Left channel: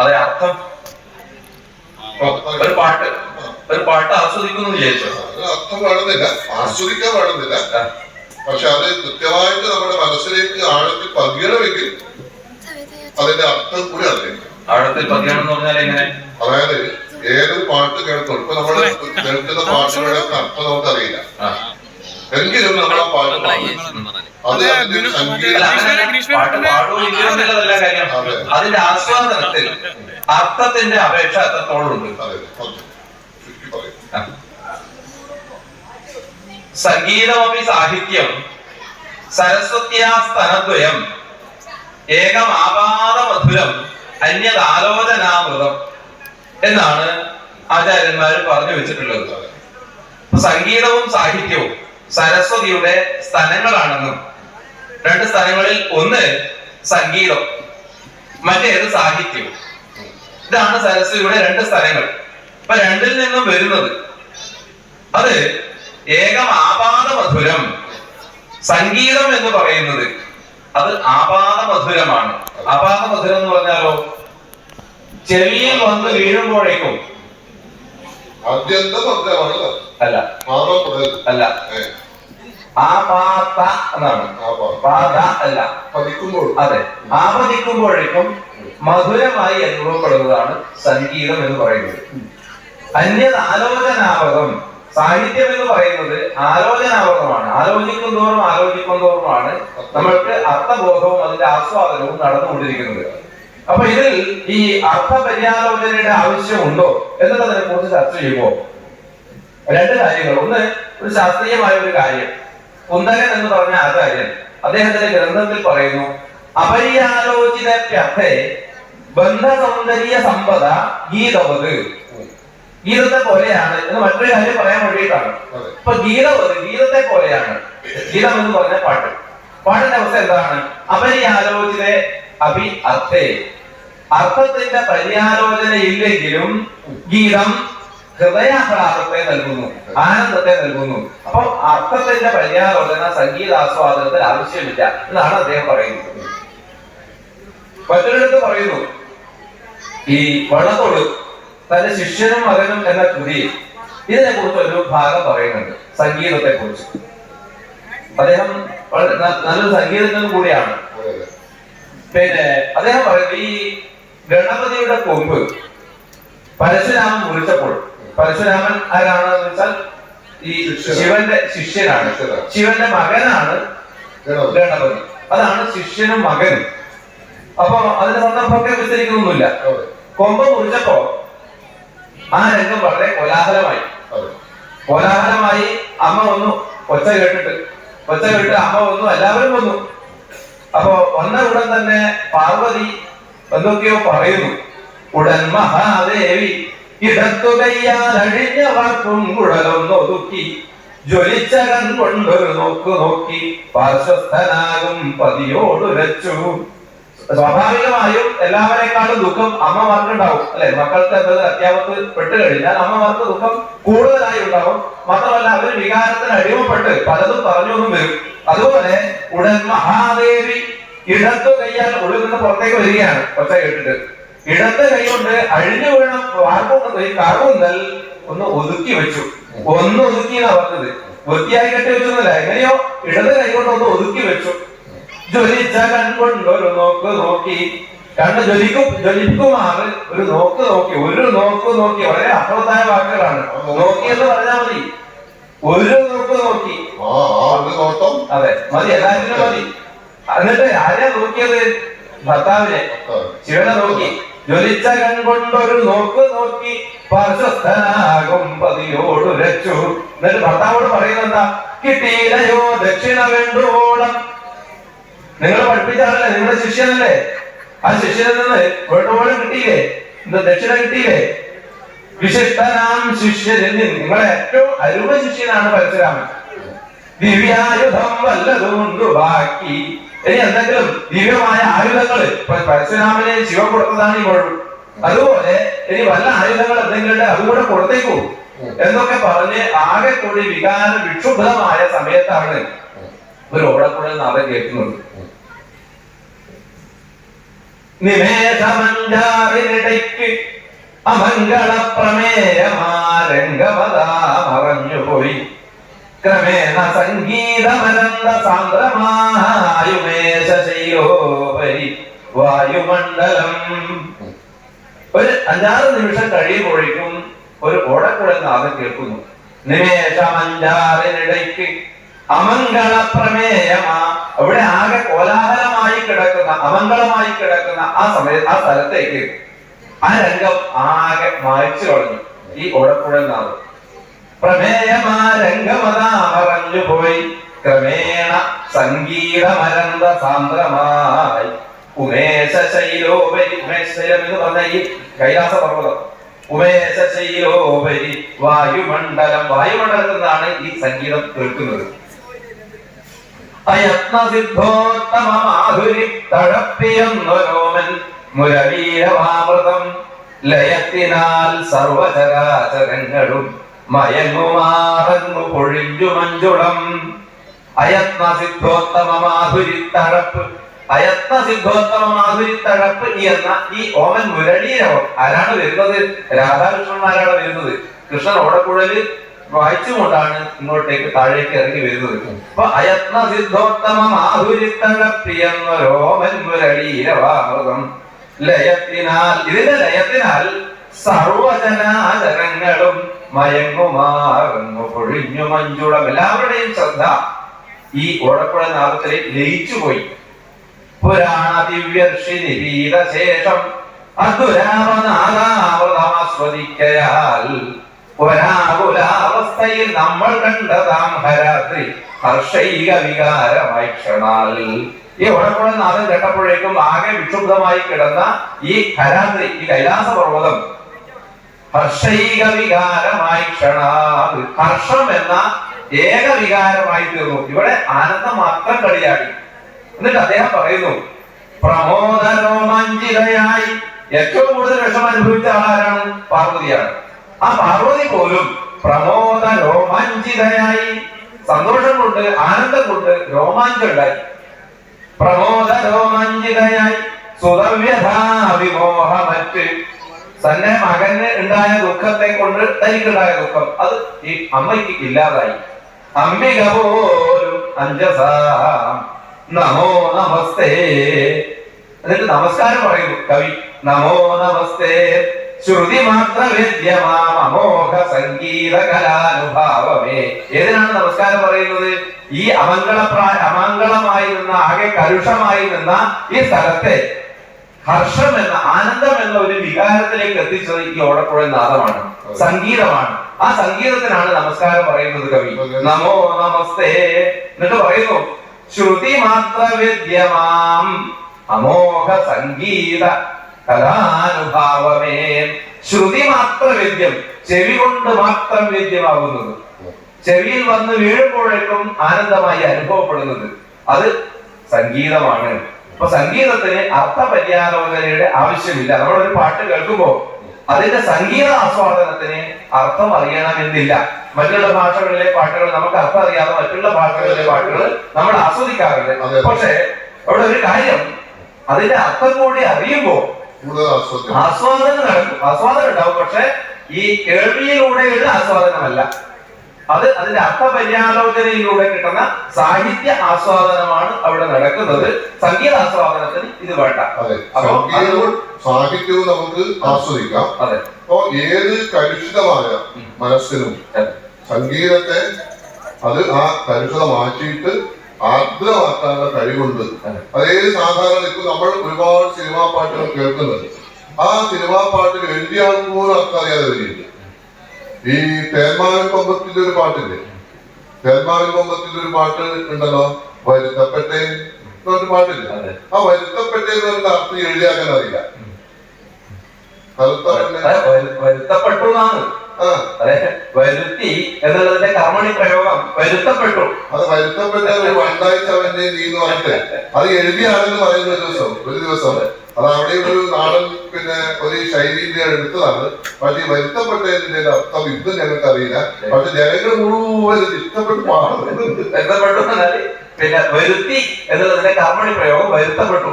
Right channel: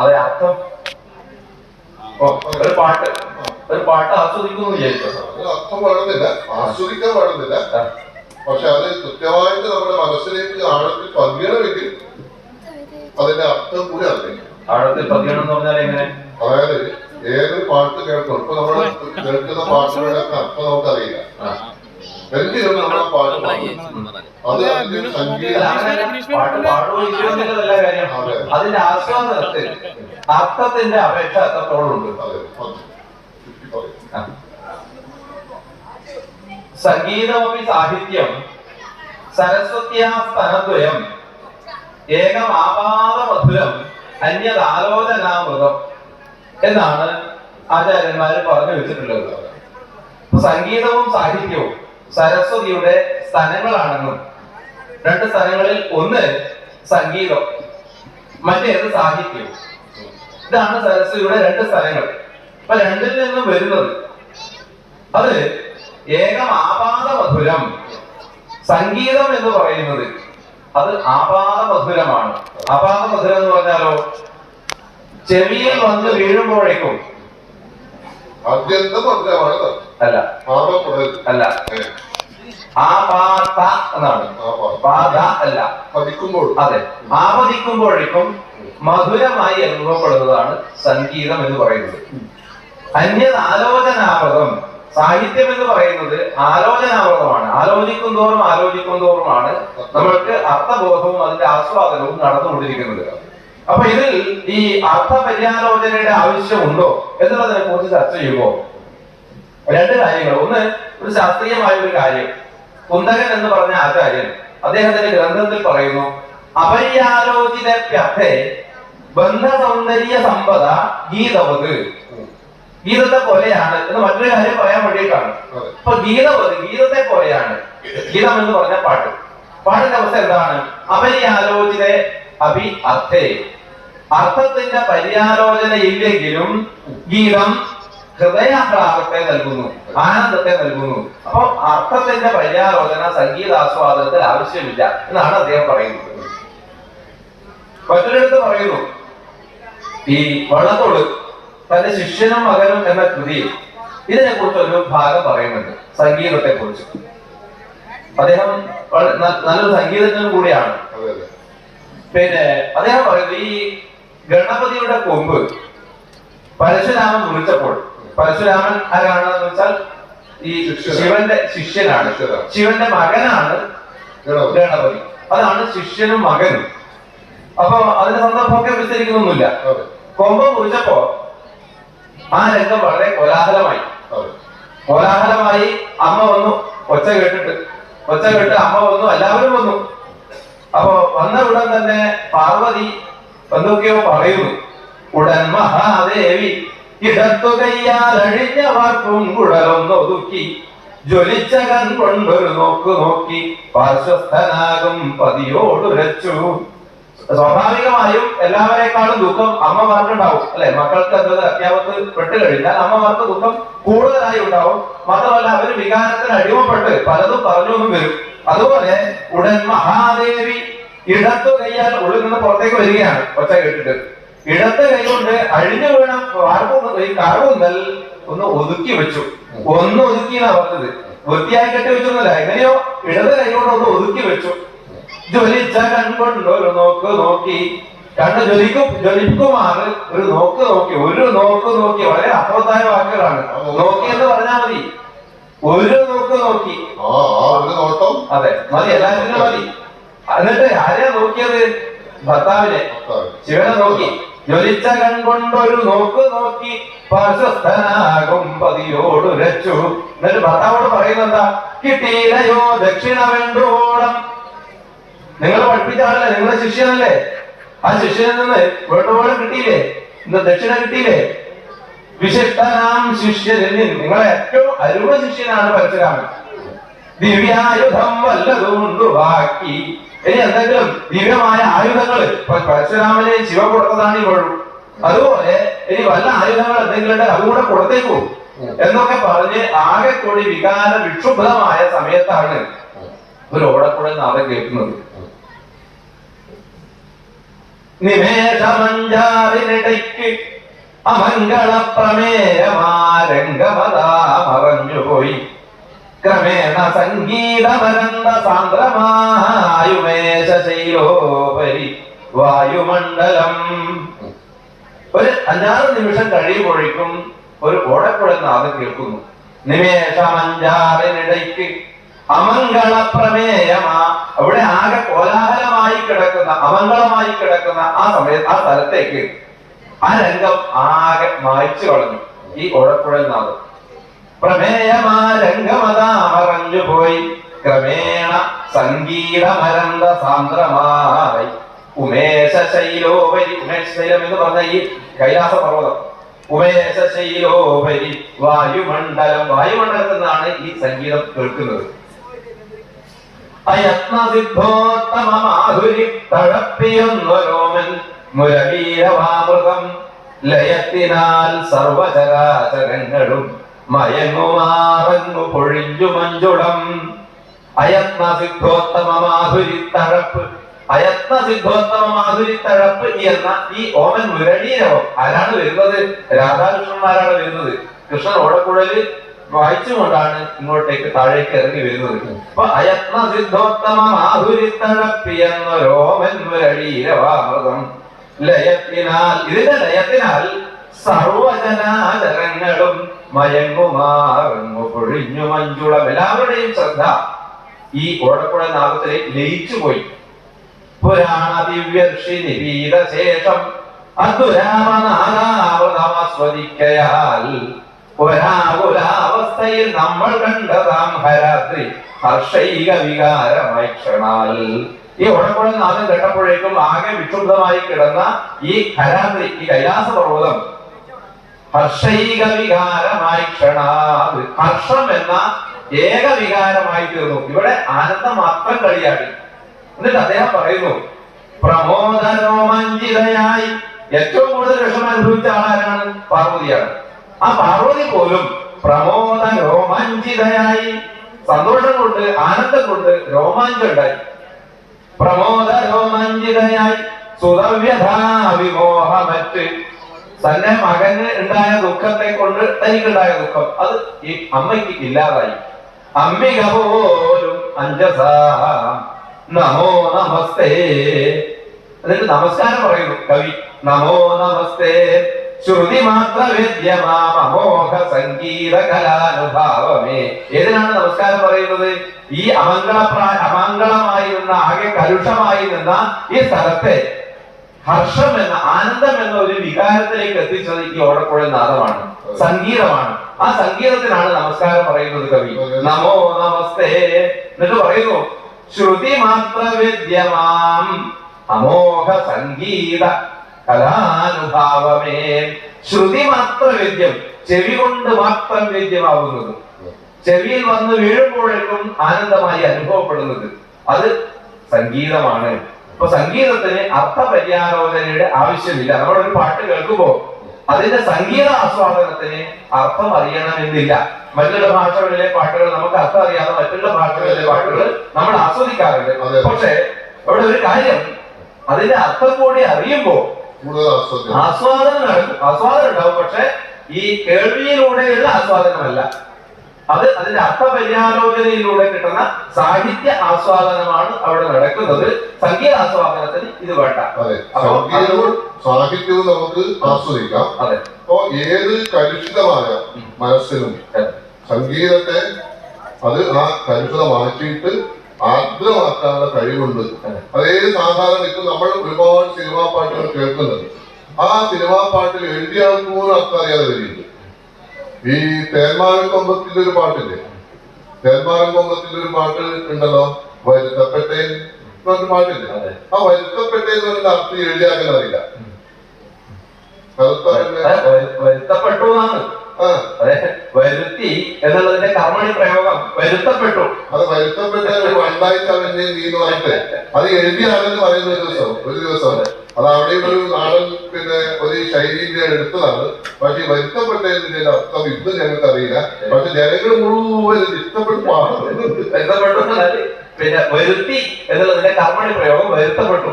അതെ, അർത്ഥം. ഒരു പാട്ട് ആസ്വദിക്കുന്നു വിചാരിച്ചോ? അർത്ഥം വേണമെന്നില്ല, ആസ്വദിക്കാൻ വേണമെന്നില്ല. പക്ഷെ അത് കൃത്യമായിട്ട് നമ്മുടെ മനസ്സിലേക്ക് ആഴത്തിൽ പതിയണമെങ്കിൽ അതിന്റെ അർത്ഥം കൂടി അറിയാം. ആഴത്തിൽ പതിയണം എന്ന് പറഞ്ഞാൽ എങ്ങനെ? അതായത് ഏതൊരു പാട്ട് കേൾക്കും, ഇപ്പൊ നമ്മൾ കേൾക്കുന്ന പാട്ടുകളുടെ അർത്ഥം നമുക്കറിയില്ല, എങ്കിലും നമ്മൾ ആ പാട്ട് പാടും. അതിന്റെ ആസ്വാദനത്തിൽ അർത്ഥത്തിന്റെ അപേക്ഷ എത്രത്തോളുണ്ട്. സംഗീതമപി സാഹിത്യം സരസ്വത്യാ സ്തനദ്വയം ഏകമാപാദ മധുരം അന്യതാലോചനാമൃതം എന്നാണ് ആചാര്യന്മാര് പറഞ്ഞു വെച്ചിട്ടുള്ളത്. സംഗീതവും സാഹിത്യവും സരസ്വതിയുടെ സ്ഥലങ്ങളാണെന്നും, രണ്ട് സ്ഥലങ്ങളിൽ ഒന്ന് സംഗീതം, മറ്റേത് സാഹിത്യവും. ഇതാണ് സരസ്വതിയുടെ രണ്ട് സ്ഥലങ്ങൾ. അപ്പൊ രണ്ടിൽ നിന്നും വരുന്നത് അത് ഏകം ആപാദ മധുരം. സംഗീതം എന്ന് പറയുന്നത് അത് ആപാദ മധുരമാണ്. ആപാദ മധുരം എന്ന് പറഞ്ഞാലോ, ചെവിയിൽ വന്ന് വീഴുമ്പോഴേക്കും അല്ല അല്ല, ആപാത എന്നാണ്, പാത അല്ല, അതെ, ആപതിക്കുമ്പോഴേക്കും മധുരമായി അനുഭവപ്പെടുന്നതാണ് സംഗീതം എന്ന് പറയുന്നത്. അന്യത് ആലോചനാമൃതം. സാഹിത്യം എന്ന് പറയുന്നത് ആലോചനാമൃതമാണ്. ആലോചിക്കും തോറുമാണ് നമ്മൾക്ക് അർത്ഥബോധവും അതിന്റെ ആസ്വാദനവും നടന്നുകൊണ്ടിരിക്കുന്നത്. അപ്പൊ ഇതിൽ ഈ അർത്ഥപര്യാലോചനയുടെ ആവശ്യമുണ്ടോ എന്നുള്ളതിനെ കുറിച്ച് ചർച്ച ചെയ്യുമ്പോൾ രണ്ട് കാര്യങ്ങൾ. ഒന്ന്, ഒരു ശാസ്ത്രീയമായ ഒരു കാര്യം. കുന്തകൻ എന്ന് പറഞ്ഞ ആചാര്യൻ അദ്ദേഹത്തിന്റെ ഗ്രന്ഥത്തിൽ പറയുന്നു, അപര്യാലോചിതപ്യർത്ഥേ ബന്ധസൗന്ദര്യ സമ്പദ ഗീതവത്. ഗീതത്തെ പോലെയാണ് എന്ന് മറ്റൊരു കാര്യം പറയാൻ വേണ്ടിയിട്ടാണ്. ഇപ്പൊ ഗീതത്തെ പോലെയാണ്. ഗീതം എന്ന് പറഞ്ഞ പാട്ട്. പാട്ടിന്റെ അവസ്ഥ എന്താണ്? അപര്യാലോചിത അഭി അർത്ഥേ. അർത്ഥത്തിന്റെ പര്യാലോചന ഇല്ലെങ്കിലും ഗീതം ഹൃദയാഹ്ലാദത്തെ നൽകുന്നു, ആനന്ദത്തെ നൽകുന്നു. അപ്പൊ അർത്ഥത്തിന്റെ പര്യാലോചന സംഗീതാസ്വാദനത്തിൽ ആവശ്യമില്ല എന്നാണ് അദ്ദേഹം പറയുന്നത്. മറ്റൊരിടത്ത് പറയുന്നു, ഈ വള്ളത്തോട് തന്റെ ശിഷ്യനും മകനും എന്ന കൃതിയിൽ ഇതിനെ കുറിച്ച് ഒരു ഭാഗം പറയുന്നുണ്ട്, സംഗീതത്തെ കുറിച്ച്. അദ്ദേഹം നല്ലൊരു സംഗീതജ്ഞനും കൂടിയാണ്. പിന്നെ അദ്ദേഹം പറയുന്നത്, ഈ ഗണപതിയുടെ കൊമ്പ് പരശുരാമൻ മുറിച്ചപ്പോൾ, പരശുരാമൻ ആരാണെന്ന് വെച്ചാൽ ഈ ശിവന്റെ ശിഷ്യനാണ്, ശിവന്റെ മകനാണ് ഗണപതി. അതാണ് ശിഷ്യനും മകനും. അപ്പൊ അതിന്റെ സന്ദർഭമൊക്കെ വിസ്തരിക്കുന്നൊന്നുമില്ല. കൊമ്പ് മുറിച്ചപ്പോ ആ രംഗം വളരെ കോലാഹലമായി. അമ്മ വന്നു, ഒച്ച കേട്ടിട്ട് അമ്മ വന്നു, എല്ലാവരും വന്നു. അപ്പൊ വന്ന ഉടൻ തന്നെ പാർവതി എന്തൊക്കെയോ പറയുന്നു. ഉടൻ മഹാദേവി ഇടത്തു കയ്യാൽ അഴിഞ്ഞവർക്കും കുഴലൊന്നൊതുക്കി ജ്വലിച്ച കൺകൊണ്ടൊരു നോക്കി പാർശ്വസ്ഥനാകും പതിയോടുരച്ചു. സ്വാഭാവികമായും എല്ലാവരെക്കാളും ദുഃഖം അമ്മമാർക്കുണ്ടാവും, അല്ലെ? മക്കൾക്ക് എന്നത് അത്യാപത്ത് പെട്ട് കഴിഞ്ഞാൽ അമ്മമാർക്ക് ദുഃഖം കൂടുതലായി ഉണ്ടാവും. മാത്രമല്ല, അവർ വികാരത്തിന് അടിമപ്പെട്ട് പലതും പറഞ്ഞൊന്നും വരും. അതുപോലെ ഉടൻ മഹാദേവി ഇടത്തു കൈയാൽ ഉള്ളിൽ നിന്ന് പുറത്തേക്ക് വരികയാണ് ഒച്ച കേട്ടിട്ട്. ഇടത്ത് കൈ കൊണ്ട് അഴിഞ്ഞു വീണ ഈ കാർകൂന്തൽ ഒന്ന് ഒതുക്കി വെച്ചു. ഒന്ന് ഒതുക്കി എന്നാ പറഞ്ഞത്, വൃത്തിയായി കെട്ടി വെച്ചൊന്നുമില്ല. എങ്ങനെയോ ഇടത് കൈ കൊണ്ട് ഒന്ന് ഒതുക്കി വെച്ചു. ജ്വലിച്ച കൺകൊണ്ടൊരു നോക്കി, കണ്ണ് ജ്വലിക്കുമാറ് ഒരു നോക്കി. വളരെ അർത്ഥവത്തായ വാക്കുകളാണ്. നോക്കി എന്ന് പറഞ്ഞാൽ മതി, ഒരു നോക്കി. അതെ, മതി, എല്ലാത്തിനും മതി. എന്നിട്ട് ആരെയാ നോക്കിയത്? ഭർത്താവിനെ, ശിവനെ നോക്കി. ജ്വലിച്ച കൺകൊണ്ടൊരു നോക്കി പാർശ്വസ്ഥനാകും പതിയോടുരച്ചു. എന്നിട്ട് ഭർത്താവോട് പറയുന്നെന്താ? കിട്ടിയില്ലയോ ദക്ഷിണ വേണ്ടോളം. നിങ്ങൾ പഠിപ്പിച്ച ആളല്ലേ, നിങ്ങളെ ശിഷ്യനല്ലേ? ആ ശിഷ്യനിൽ നിന്ന് വേണ്ടോളം കിട്ടിയില്ലേ? ദക്ഷിണ കിട്ടിയില്ലേ? വിശിഷ്ടനാം ശിഷ്യനിൽ നിങ്ങളെ ഏറ്റവും അരുമ ശിഷ്യനാണ് പരശുരാമൻ. ദിവ്യായുധം വല്ലതുകൊണ്ട് ബാക്കി. ഇനി എന്തെങ്കിലും ദിവ്യമായ ആയുധങ്ങൾ പരശുരാമനെ ശിവ കൊടുത്തതാണ് ഈ വഴു. അതുപോലെ ഇനി വല്ല ആയുധങ്ങൾ എന്തെങ്കിലും അതുകൂടെ കൊടുത്തേക്കൂ എന്നൊക്കെ പറഞ്ഞ് ആകെ കൂടി വികാര വിക്ഷുബ്ധമായ സമയത്താണ് ഒരു ഓടക്കുഴൽ നാദം കേൾക്കുന്നത്. നിമേഷമഞ്ചാറിനിടയ്ക്ക് അമംഗളപ്രമേയമാരംഗമതാമറഞ്ഞുപോയി. ക്രമേണ സംഗീതമരന്ത സാന്ദ്രമായുമേശശൈലോപരി വായുമണ്ഡലം. ഒരു 5-6 നിമിഷം കഴിയുമ്പോഴേക്കും ഒരു ഓടക്കുഴൽ നാദം കേൾക്കുന്നു. നിമേഷമഞ്ചാറിനിടയ്ക്ക് അമംഗളപ്രമേയമാ. അവിടെ ആകെ കോലാഹലമായി കിടക്കുന്ന, അമംഗളമായി കിടക്കുന്ന ആ സ്ഥലത്തേക്ക് ആ രംഗം ആകെ മായ്ച്ചു കളഞ്ഞു ഈ ഓടക്കുഴൽ നാദം. പ്രമേയമാ രംഗമതാമറഞ്ഞു പോയി. ക്രമേണ സംഗീതമരന്ത സാന്ദ്രമായി ഉമേശശൈലോപരി. ഉമേശശൈലം എന്ന് പറഞ്ഞ ഈ കൈലാസ പർവ്വതം. ഉമേശശൈലോപരി വായുമണ്ഡലം. വായുമണ്ഡലത്തിൽ നിന്നാണ് ഈ സംഗീതം കേൾക്കുന്നത്. അയത്നസിദ്ധോത്തമമാധുരി തഴപ്പിയെന്നൊരോമൻ മുരളീയവാമൃതം. ലയത്തിനാൽ സർവചരാചരങ്ങളും മയങ്ങുമാറങ്ങു പൊഴിഞ്ഞു മഞ്ചുളം. അയത്നസിദ്ധോത്തമമാധുരിത്തഴപ്പ്. അയത്നസിദ്ധോത്തമമാധുരിത്തഴപ്പ് എന്ന ഈ ഓമൻ മുരളീരവം ആരാണ് വരുന്നത്? രാധാകൃഷ്ണന്മാരാണ് വരുന്നത്. കൃഷ്ണൻ ഓടക്കുഴല് വായിച്ചുകൊണ്ടാണ് ഇങ്ങോട്ടേക്ക് താഴേക്ക് ഇറങ്ങി വരുന്നത്. അപ്പൊ അയത്നസിദ്ധോത്തമമാധുരിത്തഴപ്പിയെന്നൊരോമൻ മുരളീരവാമൃതം. ലയത്തിനാൽ, ഇതിന്റെ ലയത്തിനാൽ സർവജനാചരങ്ങളും മയങ്ങുമാറങ്ങു പൊഴിഞ്ഞു മഞ്ചുളം. എല്ലാവരുടെയും ശ്രദ്ധ ഈ ഓടക്കുഴൽ നാദത്തിലേക്ക് ലയിച്ചുപോയി. പുരാണ ദിവ്യർഷി നിപീതശേഷം അദ്വരാവനാദാവൃതമാസ്വദിക്കയാൽ ഒരാകുലാവസ്ഥയിൽ നമ്മൾ കണ്ടതാം ഹരാത്രി ഹർഷൈക വികാരമായി ക്ഷണാൽ. ഈ ഓടക്കുഴൽ നാദം കേട്ടപ്പോഴേക്കും ആകെ വിക്ഷുബ്ധമായി കിടന്ന ഈ ഹരാത്രി, ഈ കൈലാസ പർവ്വതം ഹർഷൈക വികാരമായി ക്ഷണാൽ. ഹർഷം എന്ന ഏക വികാരമായി തീർന്നു. ഇവിടെ ആനന്ദം മാത്രം കളിയാടി. എന്നിട്ട് അദ്ദേഹം പറയുന്നു, പ്രമോദരോമാഞ്ചിതയായി. ഏറ്റവും കൂടുതൽ വിഷമം അനുഭവിച്ച ആളാരാണ്? പാർവതിയാണ്. ആ പാർവതി പോലും പ്രമോദ രോമാഞ്ചിതയായി, സന്തോഷം കൊണ്ട്, ആനന്ദം കൊണ്ട് രോമാഞ്ചം ഉണ്ടായി. പ്രമോദ രോമാഞ്ചിതയായി സുതവ്യഥാവിമോഹമറ്റ്. തന്നെ മകന് ഉണ്ടായ ദുഃഖത്തെ കൊണ്ട് തനിക്കുണ്ടായ ദുഃഖം അത് ഈ അമ്മയ്ക്ക് ഇല്ലാതായി. അംബിക പോലും അഞ്ജസാ നമോ നമസ്തേ. എന്നിട്ട് നമസ്കാരം പറയുന്നു കവി. നമോ നമസ്തേ ശ്രുതി മാത്ര വേദ്യമാം അമോഘ സംഗീത കലാനുഭാവമേ. ഏതിനാണ് നമസ്കാരം പറയുന്നത്? ഈ അമംഗളമായി നിന്ന, ആകെ കലുഷമായി നിന്ന ഈ സ്ഥലത്തെ ഹർഷം എന്ന, ആനന്ദം എന്ന ഒരു വികാരത്തിലേക്ക് എത്തിച്ചത് ഈ ഓടക്കുഴൽ നാദമാണ്, സംഗീതമാണ്. ആ സംഗീതത്തിനാണ് നമസ്കാരം പറയുന്നത് കവി. നമോ നമസ്തേ. എന്നിട്ട് പറയുന്നു, ശ്രുതി മാത്ര വിദ്യമാം അമോഘ സംഗീത കലാനുഭാവമേ. ശ്രുതി മാത്ര വിദ്യം, ചെവി കൊണ്ട് മാത്രം വിദ്യമാകുന്നത്, ചെവിയിൽ വന്ന് വീഴുമ്പോഴേക്കും ആനന്ദമായി അനുഭവപ്പെടുന്നത്, അത് സംഗീതമാണ്. അപ്പൊ സംഗീതത്തിന് അർത്ഥപര്യാലോചനയുടെ ആവശ്യമില്ല. നമ്മളൊരു പാട്ട് കേൾക്കുമ്പോ അതിന്റെ സംഗീത ആസ്വാദനത്തിന് അർത്ഥം അറിയണമെന്നില്ല. മറ്റുള്ള ഭാഷകളിലെ പാട്ടുകൾ നമുക്ക് അർത്ഥം അറിയാതെ മറ്റുള്ള ഭാഷകളിലെ പാട്ടുകൾ നമ്മൾ ആസ്വദിക്കാറുണ്ട്. പക്ഷെ അവിടെ ഒരു കാര്യം, അതിന്റെ അർത്ഥം കൂടി അറിയുമ്പോ ആസ്വാദനം നടക്കും, ആസ്വാദനം ഉണ്ടാവും. പക്ഷെ ഈ കേൾവിയിലൂടെയുള്ള ആസ്വാദനമല്ല, അത് അതിന്റെ അർത്ഥപര്യാലോചനയിലൂടെ കിട്ടുന്ന സാഹിത്യ ആസ്വാദനമാണ് അവിടെ നടക്കുന്നത്. സംഗീത ആസ്വാദനത്തിന് ഇത് വേണ്ട. സാഹിത്യവും നമുക്ക് ആസ്വദിക്കാം. അതെ. അപ്പോ ഏത് കലുഷിതമായ മനസ്സിനും സംഗീതത്തെ അത് ആ കലുഷിത മാറ്റിയിട്ട് ആർദ്രമാക്കാനുള്ള കഴിവുണ്ട്. അതേത് സാധാരണ ഇപ്പൊ നമ്മൾ ഒരുപാട് സിനിമാ പാട്ടുകൾ കേൾക്കുന്നത്, ആ സിനിമാ പാട്ടിൽ എഴുതിയ ആൾക്ക് പോലും അർത്ഥം അറിയാതെ വരില്ല. ഈ തേന്മാവിൻ കൊമ്പത്തിന്റെ ഒരു പാട്ടില്ലേ, തേന്മാവിൻ കൊമ്പത്തിന്റെ ഒരു പാട്ട് ഉണ്ടല്ലോ, വരുത്തപ്പെട്ടേ എന്നൊരു പാട്ടില്ലേ. ആ വരുത്തപ്പെട്ടേ എന്ന് പറഞ്ഞ അർത്ഥം എഴുതിയാക്കാൻ അറിയില്ല. വരുത്തപ്പെട്ടു എന്നാണ്. വരുത്തി എന്നുള്ളതിന്റെ കർമ്മണി പ്രയോഗം വരുത്തപ്പെട്ടു. അത് വരുത്തപ്പെട്ട രണ്ടാഴ്ച അവന്റെ നീ എന്ന് പറഞ്ഞിട്ട് അത് എഴുതിയാണെന്ന് പറയുന്ന ഒരു ദിവസം അത് അവിടെ ഒരു നാടൻ പിന്നെ ഒരു ശൈലിയിൽ എടുത്തതാണ്. പക്ഷെ വരുത്തപ്പെട്ടതിന്റെ അർത്ഥം ഇന്നും ഞങ്ങൾക്ക് അറിയില്ല. പക്ഷെ ജനങ്ങൾ മുഴുവൻ ഇഷ്ടപ്പെട്ട് പാടുന്നത് വരുത്തപ്പെട്ടു. പിന്നെ വരുത്തി എന്നുള്ളതിന്റെ കർമ്മണി പ്രയോഗം വരുത്തപ്പെട്ടു.